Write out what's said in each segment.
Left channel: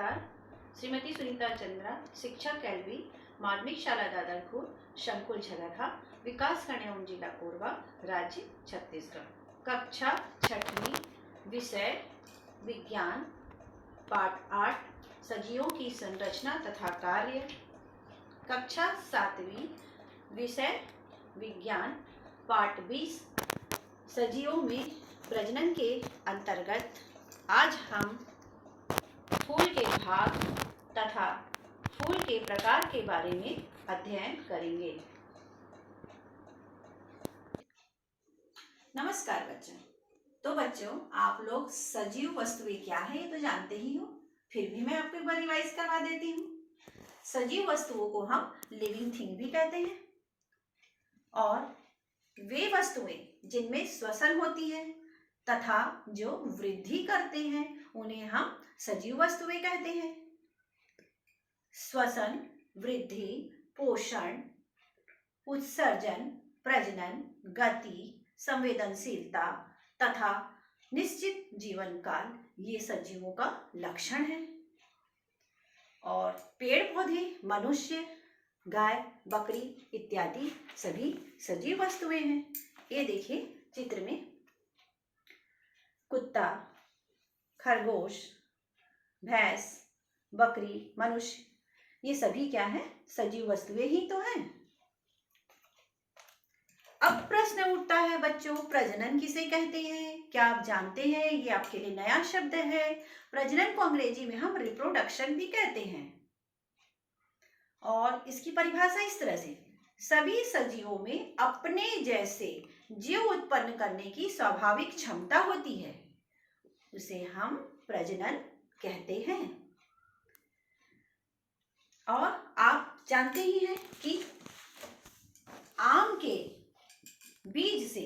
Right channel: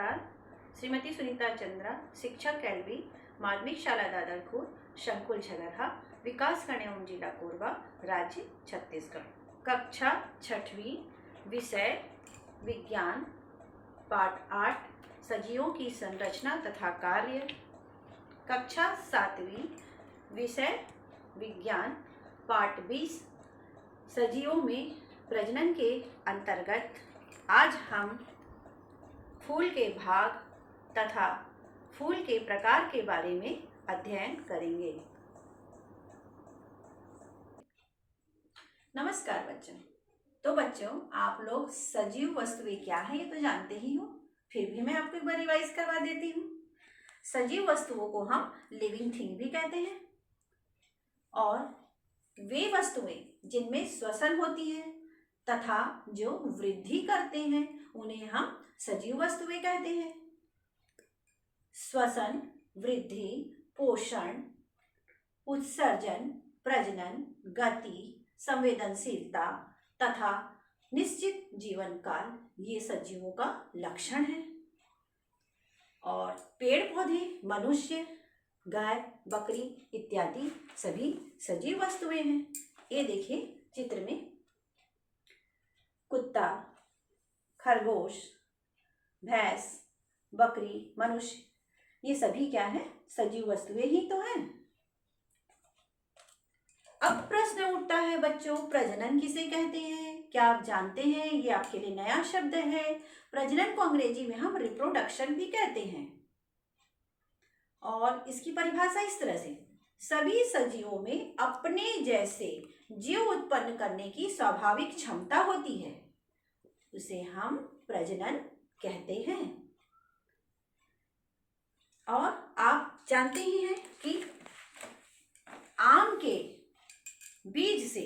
नमस्कार। श्रीमती सुनीता चंद्रा, शिक्षक एलवी, माध्यमिक शाला दादरपुर, शंकुल झगरहा, विकास खंड जिला कोरबा, राज्य छत्तीसगढ़। कक्षा 6वीं, विषय विज्ञान, पाठ 8 सजीवों की संरचना तथा कार्य। कक्षा 7वीं, विषय विज्ञान, पाठ 20 सजीवों में प्रजनन के अंतर्गत आज हम फूल के भाग तथा फूल के प्रकार के बारे में अध्ययन करेंगे। नमस्कार बच्चों। तो बच्चों, आप लोग सजीव वस्तुएं क्या है ये तो जानते ही हो, फिर भी मैं आपको एक बार रिवाइज करवा देती हूँ। सजीव वस्तुओं को हम लिविंग थिंग भी कहते हैं और वे वस्तुएं जिनमें श्वसन होती है तथा जो वृद्धि करते हैं उन्हें हम सजीव वस्तुएं कहते हैं। श्वसन, वृद्धि, पोषण, उत्सर्जन, प्रजनन, गति, संवेदनशीलता तथा निश्चित जीवन काल ये सजीवों का लक्षण है। और पेड़ पौधे, मनुष्य, गाय, बकरी इत्यादि सभी सजीव वस्तुएं हैं। ये देखिए चित्र में कुत्ता, खरगोश, भैंस, बकरी, मनुष्य ये सभी क्या है? सजीव वस्तुएं ही तो हैं। अब प्रश्न उठता है बच्चों, प्रजनन किसे कहते हैं? क्या आप जानते हैं? ये आपके लिए नया शब्द है। प्रजनन को अंग्रेजी में हम रिप्रोडक्शन भी कहते हैं और इसकी परिभाषा इस तरह से, सभी सजीवों में अपने जैसे जीव उत्पन्न करने की स्वाभाविक क्षमता होती है, उसे हम प्रजनन कहते हैं। और आप जानते ही हैं कि आम के बीज से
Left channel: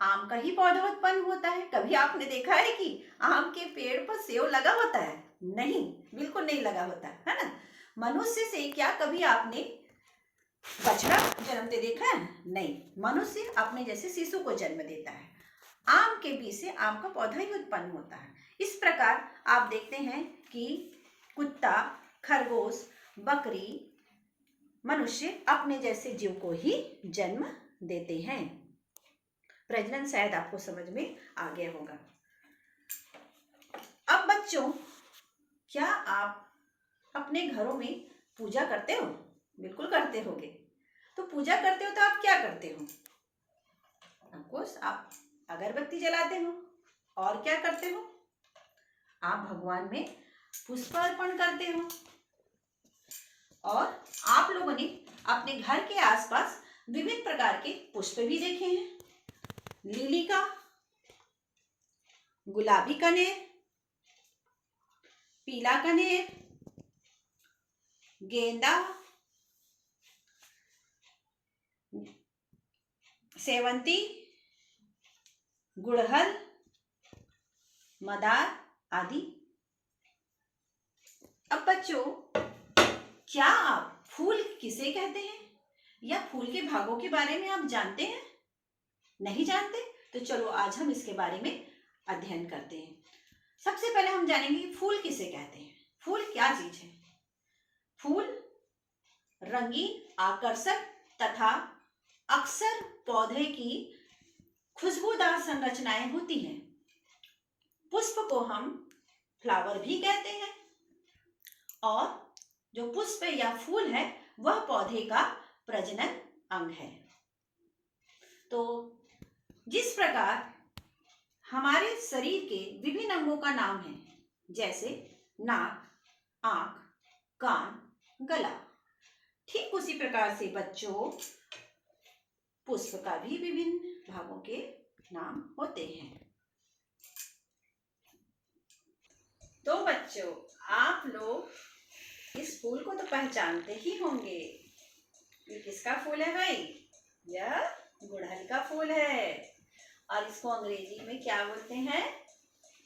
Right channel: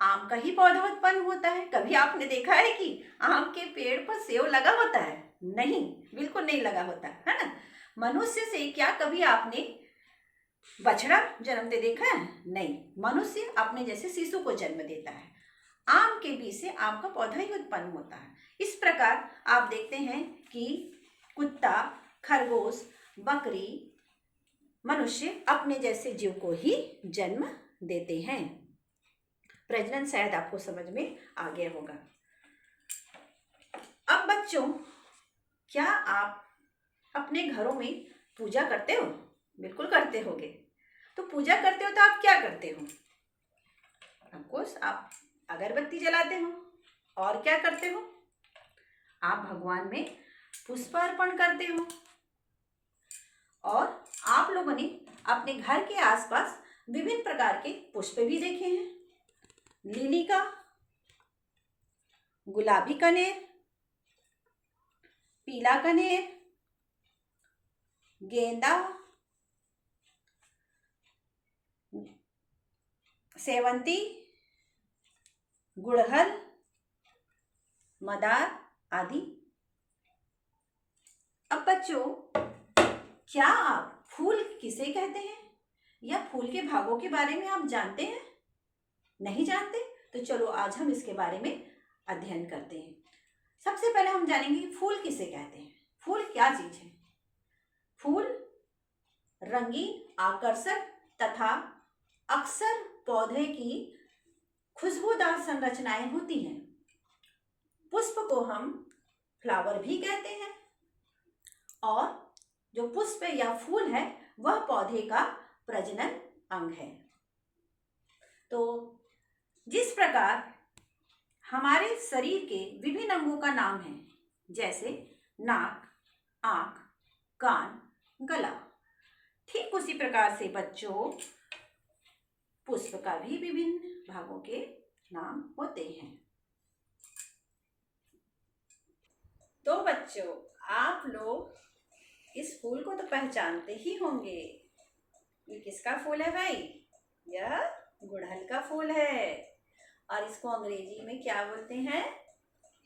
आम का ही पौधा उत्पन्न होता है। कभी आपने देखा है कि आम के पेड़ पर सेब लगा होता है? नहीं, बिल्कुल नहीं लगा होता है ना। मनुष्य से क्या कभी आपने बछड़ा जन्मते देखा है? नहीं, मनुष्य अपने जैसे शिशु को जन्म देता है। आम के बीज से आम का पौधा ही उत्पन्न होता है। इस प्रकार आप देखते हैं कि कुत्ता, खरगोश, बकरी, मनुष्य अपने जैसे जीव को ही जन्म देते हैं। प्रजनन शायद आपको समझ में आ गया होगा। अब बच्चों, क्या आप अपने घरों में पूजा करते हो? बिल्कुल करते होगे। तो पूजा करते हो तो आप क्या करते हो? ऑफकोर्स आप अगरबत्ती जलाते हो। और क्या करते हो? आप भगवान में पुष्प अर्पण करते हो। और आप लोगों ने अपने घर के आसपास विभिन्न प्रकार के पुष्प भी देखे हैं। लिली का, गुलाबी कनेर, पीला कनेर, गेंदा, सेवंती, गुड़हल, मदार आदि। अब बच्चों, क्या आप फूल किसे कहते हैं या फूल के भागों के बारे में आप जानते हैं? नहीं जानते? तो चलो आज हम इसके बारे में अध्ययन करते हैं। सबसे पहले हम जानेंगे कि फूल किसे कहते हैं। फूल क्या चीज है? फूल रंगीन, आकर्षक तथा अक्सर पौधे की खुशबूदार संरचनाएं होती हैं। पुष्प को हम फ्लावर भी कहते हैं और जो पुष्प या फूल है वह पौधे का प्रजनन अंग है। तो जिस प्रकार हमारे शरीर के विभिन्न अंगों का नाम है, जैसे नाक, आंख, कान, गला, ठीक उसी प्रकार से बच्चों पुष्प का भी विभिन्न भागों के नाम होते हैं। तो बच्चों, आप लोग इस फूल को तो पहचानते ही होंगे। ये किसका फूल है भाई? यह गुड़हल का फूल है और इसको अंग्रेजी में क्या बोलते हैं?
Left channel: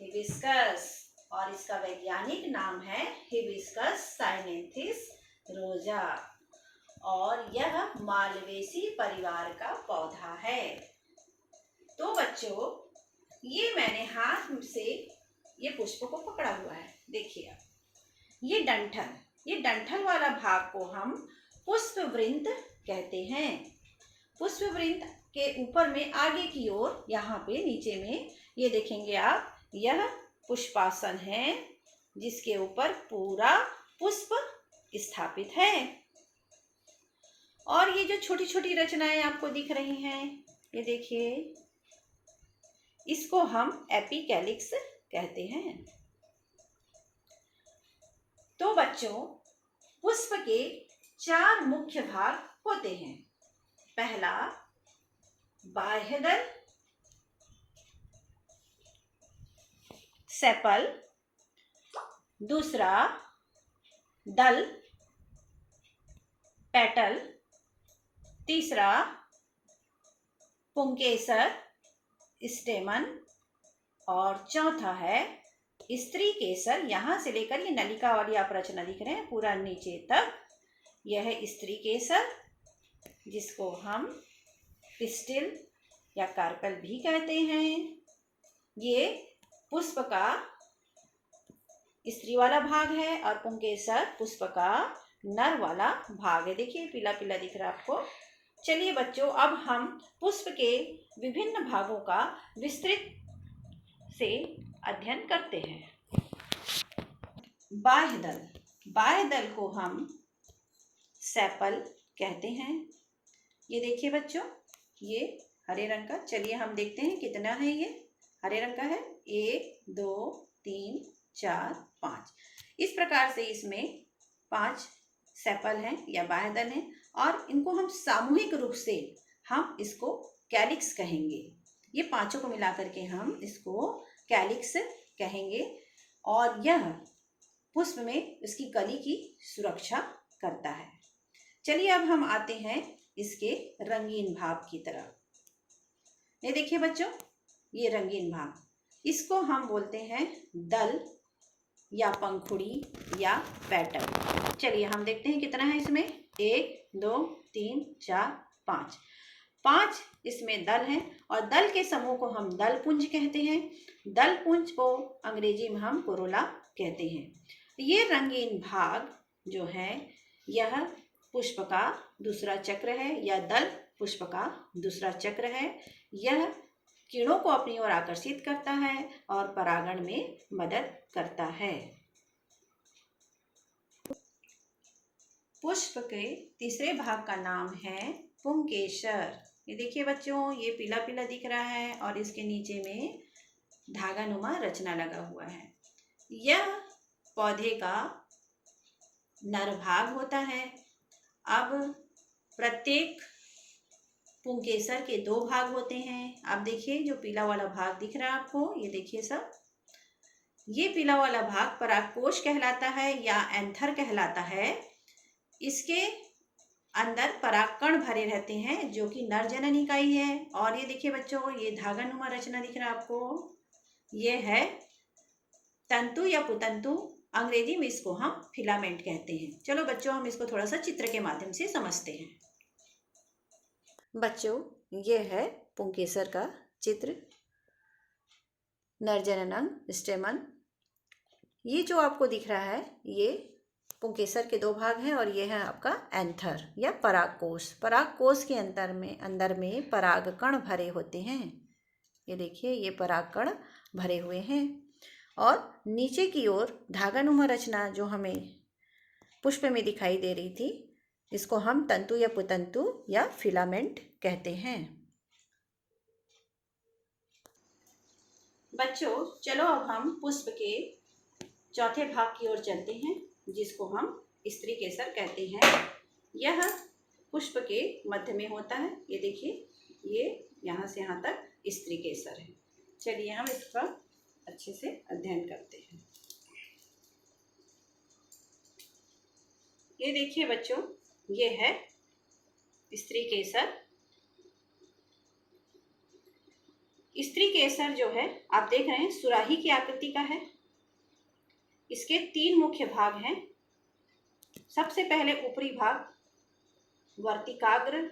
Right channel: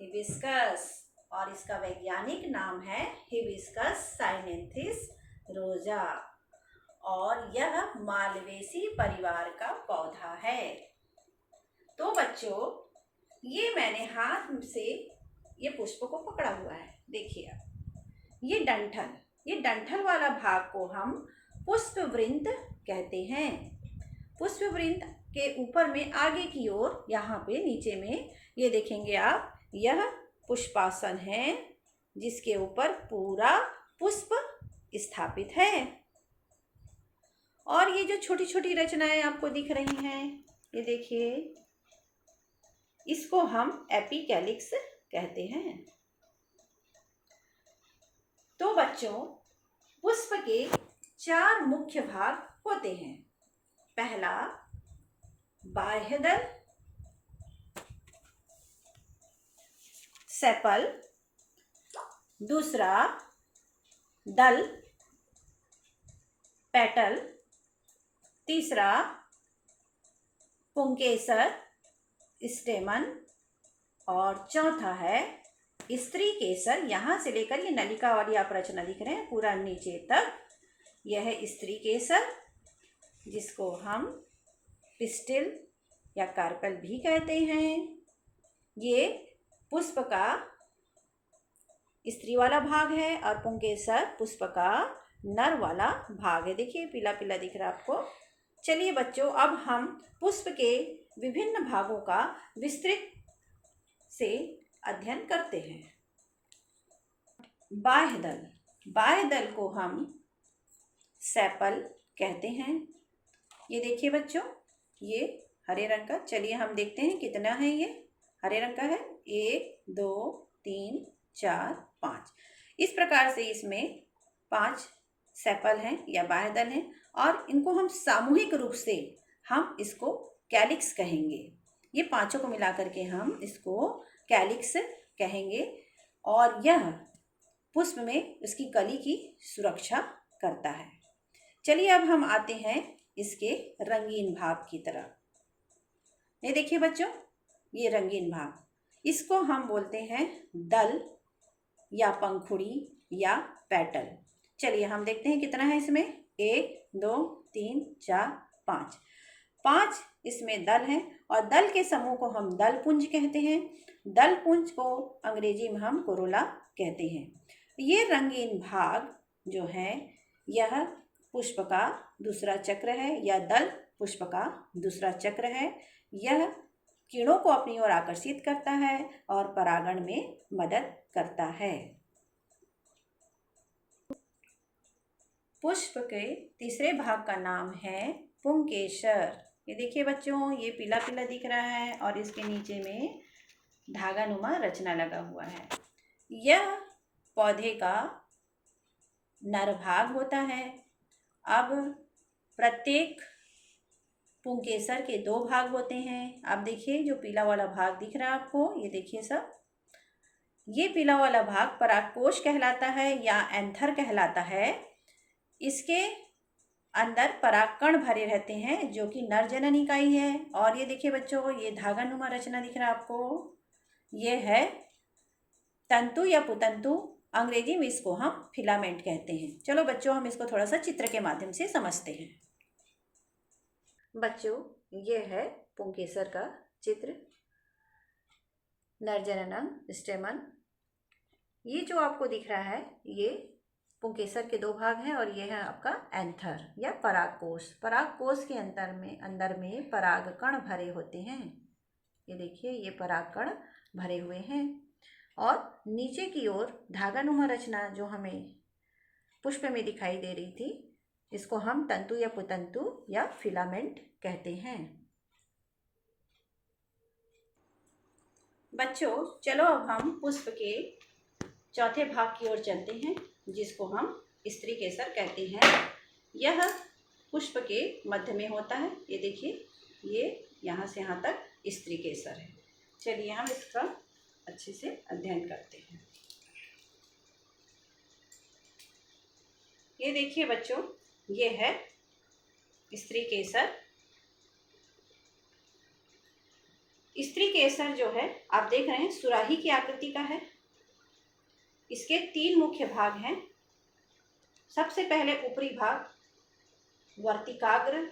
हिबिस्कस। और इसका वैज्ञानिक नाम है हिबिस्कस साइनेंथिस रोजा और यह मालवेसी परिवार का पौधा है। तो बच्चों, ये मैंने हाथ से ये पुष्प को पकड़ा हुआ है, देखिए आप। ये डंठल वाला भाग को हम पुष्पवृंत कहते हैं। पुष्पवृंत के ऊपर में आगे की ओर यहाँ पे नीचे में ये देखेंगे आप, यह पुष्पासन है जिसके ऊपर पूरा पुष्प स्थापित है। और ये जो छोटी छोटी रचनाएं आपको दिख रही हैं, ये देखिए, इसको हम एपिकैलिक्स कहते हैं। तो बच्चों, पुष्प के 4 मुख्य भाग होते हैं। पहला बाह्य दल, सेपल। दूसरा दल, पेटल। तीसरा पुंकेसर, स्टेमन। और चौथा है स्त्री केसर। यहाँ से लेकर ये नलिका वाली आप रचना दिख रहे हैं पूरा नीचे तक, यह है स्त्री केसर, जिसको हम पिस्टिल या कार्पेल भी कहते हैं। ये पुष्प का स्त्री वाला भाग है और पुंकेसर पुष्प का नर वाला भाग है। देखिए पीला पीला दिख रहा है आपको। चलिए बच्चों, अब हम पुष्प के विभिन्न भागों का विस्तृत से अध्ययन करते हैं। बाह्य दल, बाह्य दल को हम सेपल कहते हैं। ये देखिए बच्चों, ये हरे रंग का, चलिए हम देखते हैं कितना है। ये हरे रंग का है, 1 2 3 4 5। इस प्रकार से इसमें 5 सेपल हैं या बाह्य दल हैं, और इनको हम सामूहिक रूप से हम इसको कैलिक्स कहेंगे। ये पांचों को मिलाकर के हम इसको कैलिक्स कहेंगे, और यह पुष्प में उसकी कली की सुरक्षा करता है। चलिए अब हम आते हैं इसके रंगीन भाग की तरफ। ये देखिए बच्चों, ये रंगीन भाग, इसको हम बोलते हैं दल या पंखुड़ी या पेटल। चलिए हम देखते हैं कितना है इसमें। 1 2 3 4 5। 5 इसमें दल हैं, और दल के समूह को हम दलपुंज कहते हैं। दलपुंज को अंग्रेजी में हम कोरोला कहते हैं। ये रंगीन भाग जो है, यह पुष्प का दूसरा चक्र है, या दल पुष्प का दूसरा चक्र है। यह कीड़ों को अपनी ओर आकर्षित करता है और परागण में मदद करता है। पुष्प के तीसरे भाग का नाम है पुंकेसर। ये देखिए बच्चों, ये पीला पीला दिख रहा है और इसके नीचे में धागा नुमा रचना लगा हुआ है। यह पौधे का नर भाग होता है। अब प्रत्येक पुंकेसर के 2 भाग होते हैं। अब देखिए, जो पीला वाला भाग दिख रहा है आपको, ये देखिए सब, ये पीला वाला भाग परागकोश कहलाता है या एंथर कहलाता है। इसके अंदर परागकण भरे रहते हैं जो कि नर जनन इकाई है। और ये देखिए बच्चों, ये धागा नुमा रचना दिख रहा है आपको, ये है तंतु या पुतंतु। अंग्रेजी में इसको हम फिलामेंट कहते हैं। चलो बच्चों, हम इसको थोड़ा सा चित्र के माध्यम से समझते हैं। बच्चों, ये है पुंकेसर का चित्र, नर जननांग, स्टेमन। ये जो आपको दिख रहा है, ये पुंकेसर के 2 भाग हैं, और ये है आपका एंथर या परागकोश। परागकोश के अंदर में परागकण भरे होते हैं। ये देखिए, ये परागकण भरे हुए हैं, और नीचे की ओर धागानुमा रचना जो हमें पुष्प में दिखाई दे रही थी, इसको हम तंतु या पुतंतु या फिलामेंट कहते हैं। बच्चों, चलो अब हम पुष्प के चौथे भाग की ओर चलते हैं, जिसको हम स्त्री केसर कहते हैं। यह पुष्प के मध्य में होता है। ये देखिए, ये यहाँ से यहाँ तक स्त्री केसर है। चलिए हम इसका अच्छे से अध्ययन करते हैं। ये देखिए बच्चों, ये है स्त्री केसर। स्त्री केसर जो है, आप देख रहे हैं, सुराही की आकृति का है। इसके 3 मुख्य भाग हैं। सबसे पहले ऊपरी भाग वर्तिकाग्र,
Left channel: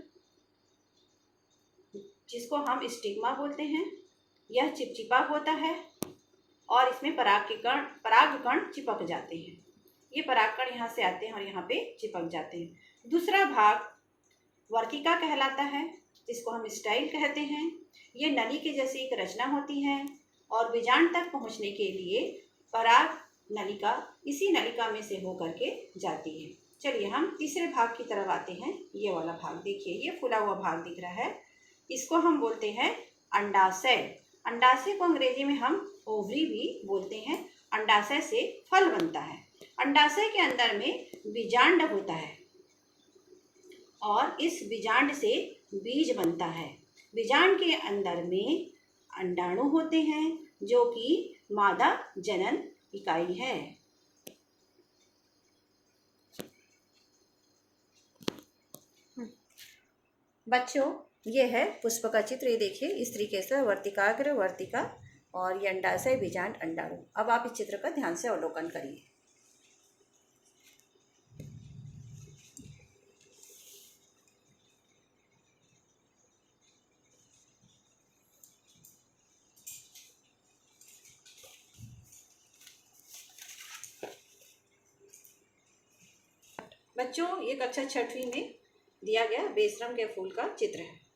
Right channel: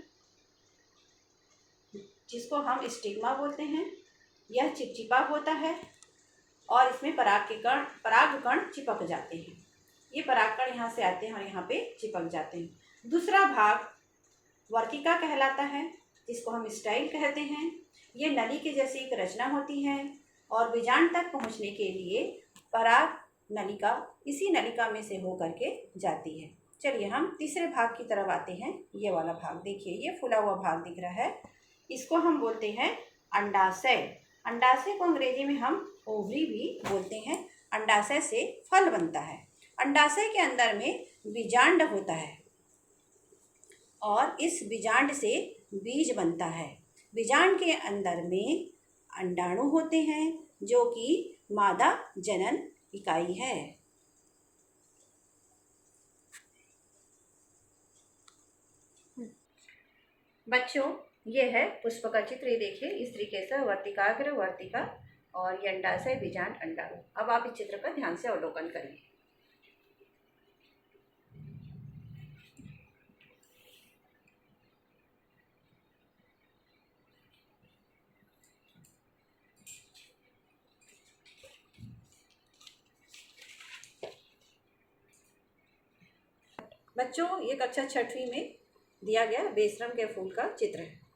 जिसको हम स्टिग्मा बोलते हैं। यह चिपचिपा होता है और इसमें परागकण चिपक जाते हैं। ये परागकण यहाँ से आते हैं और यहाँ पे चिपक जाते हैं। दूसरा भाग वर्तिका कहलाता है, जिसको हम स्टाइल कहते हैं। ये नली के जैसी एक रचना होती है और बीजांड तक पहुँचने के लिए पराग नलिका इसी नलिका में से होकर के जाती है। चलिए हम तीसरे भाग की तरफ आते हैं। ये वाला भाग देखिए, ये फूला हुआ भाग दिख रहा है, इसको हम बोलते हैं अंडाशय। अंडाशय को अंग्रेजी में हम ओवरी भी बोलते हैं। अंडाशय से फल बनता है। अंडाशय के अंदर में बीजांड होता है और इस बीजांड से बीज बनता है। बीजांड के अंदर में अंडाणु होते हैं जो कि मादा जनन इकाई है। बच्चों, ये है पुष्प का चित्र। ये देखिए, स्त्री केसर, वर्तिकाग्र, वर्तिका और ये अंडाशय, बीजांड, अंडाणु। अब आप इस चित्र का ध्यान से अवलोकन करिए। बच्चों, ये कक्षा 6वीं में दिया गया बेशरम के फूल का चित्र है।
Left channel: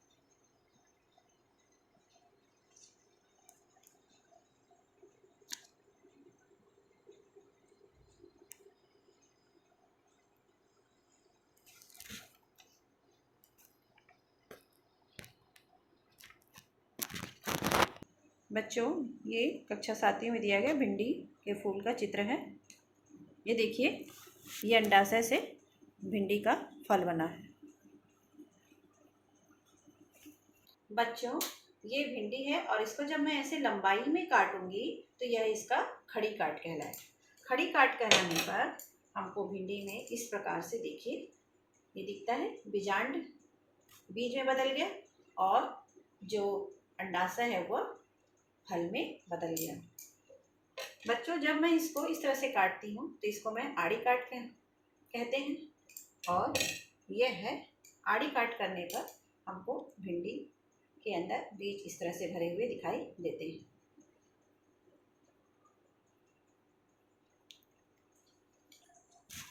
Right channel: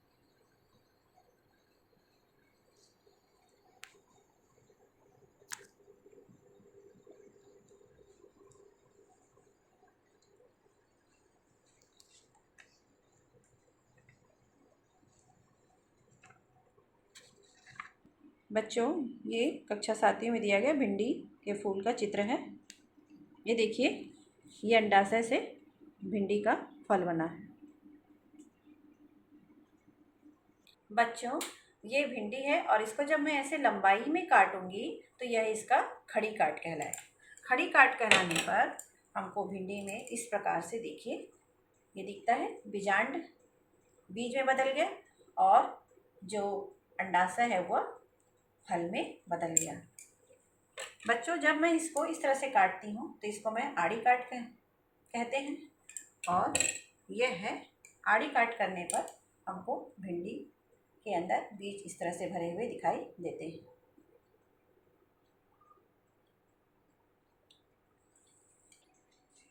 बच्चों, ये कक्षा 7वीं में दिया गया भिंडी के फूल का चित्र है। ये देखिए, ये अंडाशय से भिंडी का फल बना है। बच्चों, ये भिंडी है और इसको जब मैं ऐसे लंबाई में काटूंगी तो यह इसका खड़ी काट कहलाएगा। खड़ी काट कहलाने पर हमको भिंडी में इस प्रकार से देखिए, ये दिखता है बीजांड बीज में बदल गया और जो अंडाशय है वह फल में बदल गया। बच्चों, जब मैं इसको इस तरह से काटती हूँ तो इसको मैं आड़ी काट कहते हैं और यह है आड़ी काट करने पर हमको भिंडी के अंदर बीज इस तरह से भरे हुए दिखाई देते हैं।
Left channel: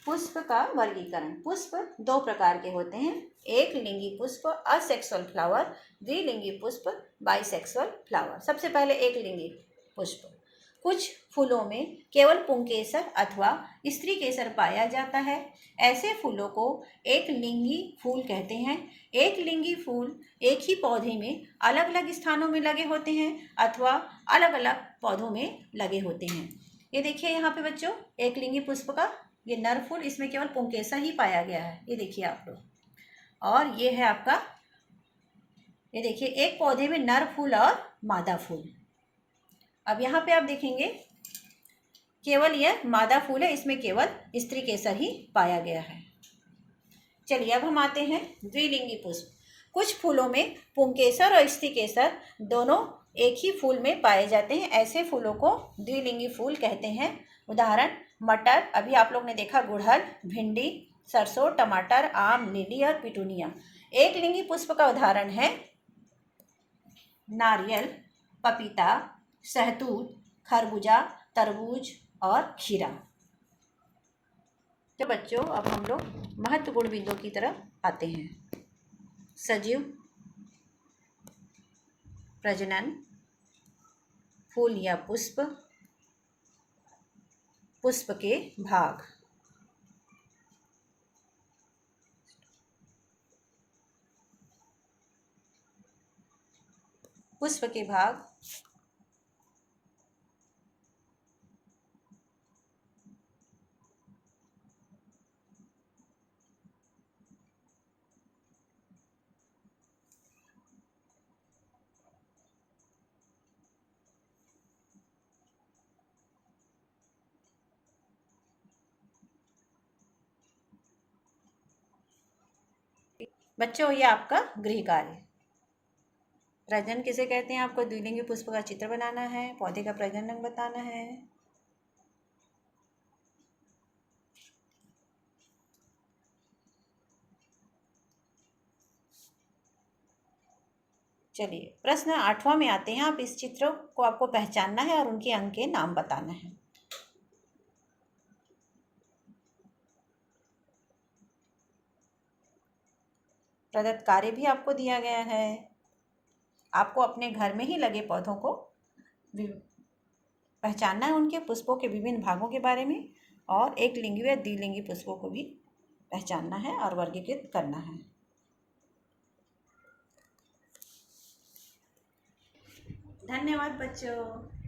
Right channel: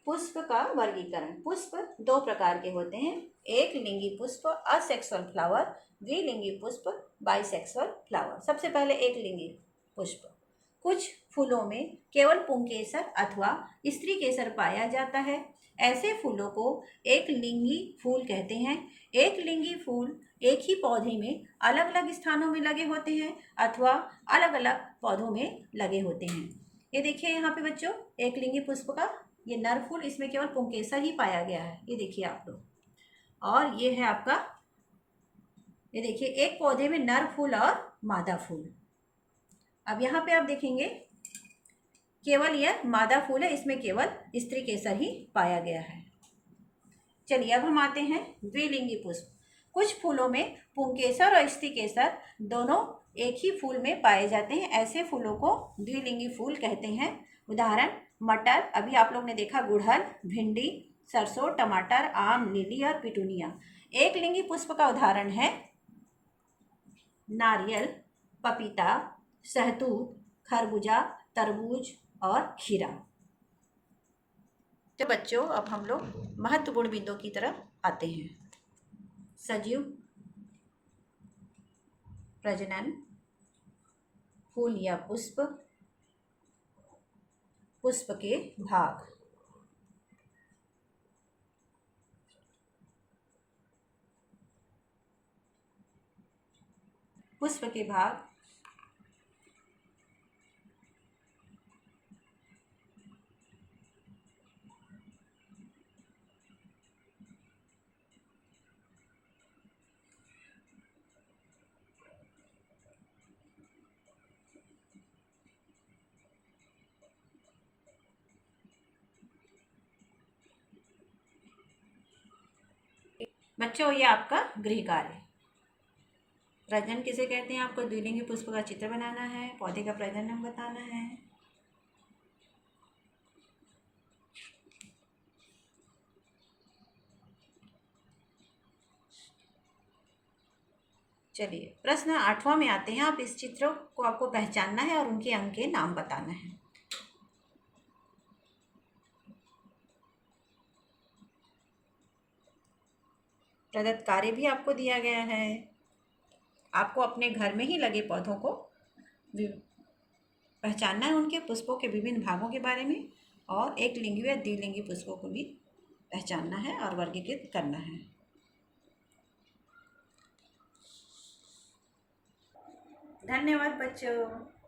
पुष्प का वर्गीकरण। पुष्प दो प्रकार के होते हैं। एक लिंगी पुष्प असेक्सुअल फ्लावर, द्विलिंगी पुष्प बाइसेक्सुअल फ्लावर। सबसे पहले एक लिंगी पुष्प। कुछ फूलों में केवल पुंकेसर अथवा स्त्री केसर पाया जाता है। ऐसे फूलों को एक लिंगी फूल कहते हैं। एक लिंगी फूल एक ही पौधे में अलग अलग स्थानों में लगे होते हैं अथवा अलग अलग पौधों में लगे होते हैं। ये देखिए यहाँ पे बच्चों, एक लिंगी पुष्प का ये नर फूल, इसमें केवल पुंकेसर ही पाया गया है। ये देखिए आप लोग, और ये है आपका, ये देखिए एक पौधे में नर फूल और मादा फूल। अब यहाँ पे आप देखेंगे केवल यह मादा फूल है, इसमें केवल स्त्री केसर ही पाया गया है। चलिए अब हम आते हैं द्विलिंगी पुष्प। कुछ फूलों में पुंकेसर और स्त्री केसर दोनों एक ही फूल में पाए जाते हैं। ऐसे फूलों को द्विलिंगी फूल कहते हैं। उदाहरण मटर, अभी आप लोग ने देखा गुड़हल, भिंडी, सरसों, टमाटर, आम, लिली और पिटूनिया। एक लिंगी पुष्प का उदाहरण है नारियल, पपीता, सहतूत, खरबूजा, तरबूज और खीरा। तो बच्चों, अब हम लोग महत्वपूर्ण बिंदुओं की तरफ आते हैं। सजीव प्रजनन, फूल या पुष्प, पुष्प के भाग। पुष्प के भाग बच्चों, ये आपका गृह कार्य। प्रजनन किसे कहते हैं? आपको द्विलिंगी पुष्प का चित्र बनाना है, पौधे का प्रजनन अंग बताना है। चलिए प्रश्न 8वां में आते हैं। आप इस चित्र को आपको पहचानना है और उनके अंग के नाम बताना है। प्रदत्त कार्य भी आपको दिया गया है। आपको अपने घर में ही लगे पौधों को पहचानना है, उनके पुष्पों के विभिन्न भागों के बारे में, और एक लिंगी व द्विलिंगी पुष्पों को भी पहचानना है और वर्गीकृत करना है। धन्यवाद बच्चों।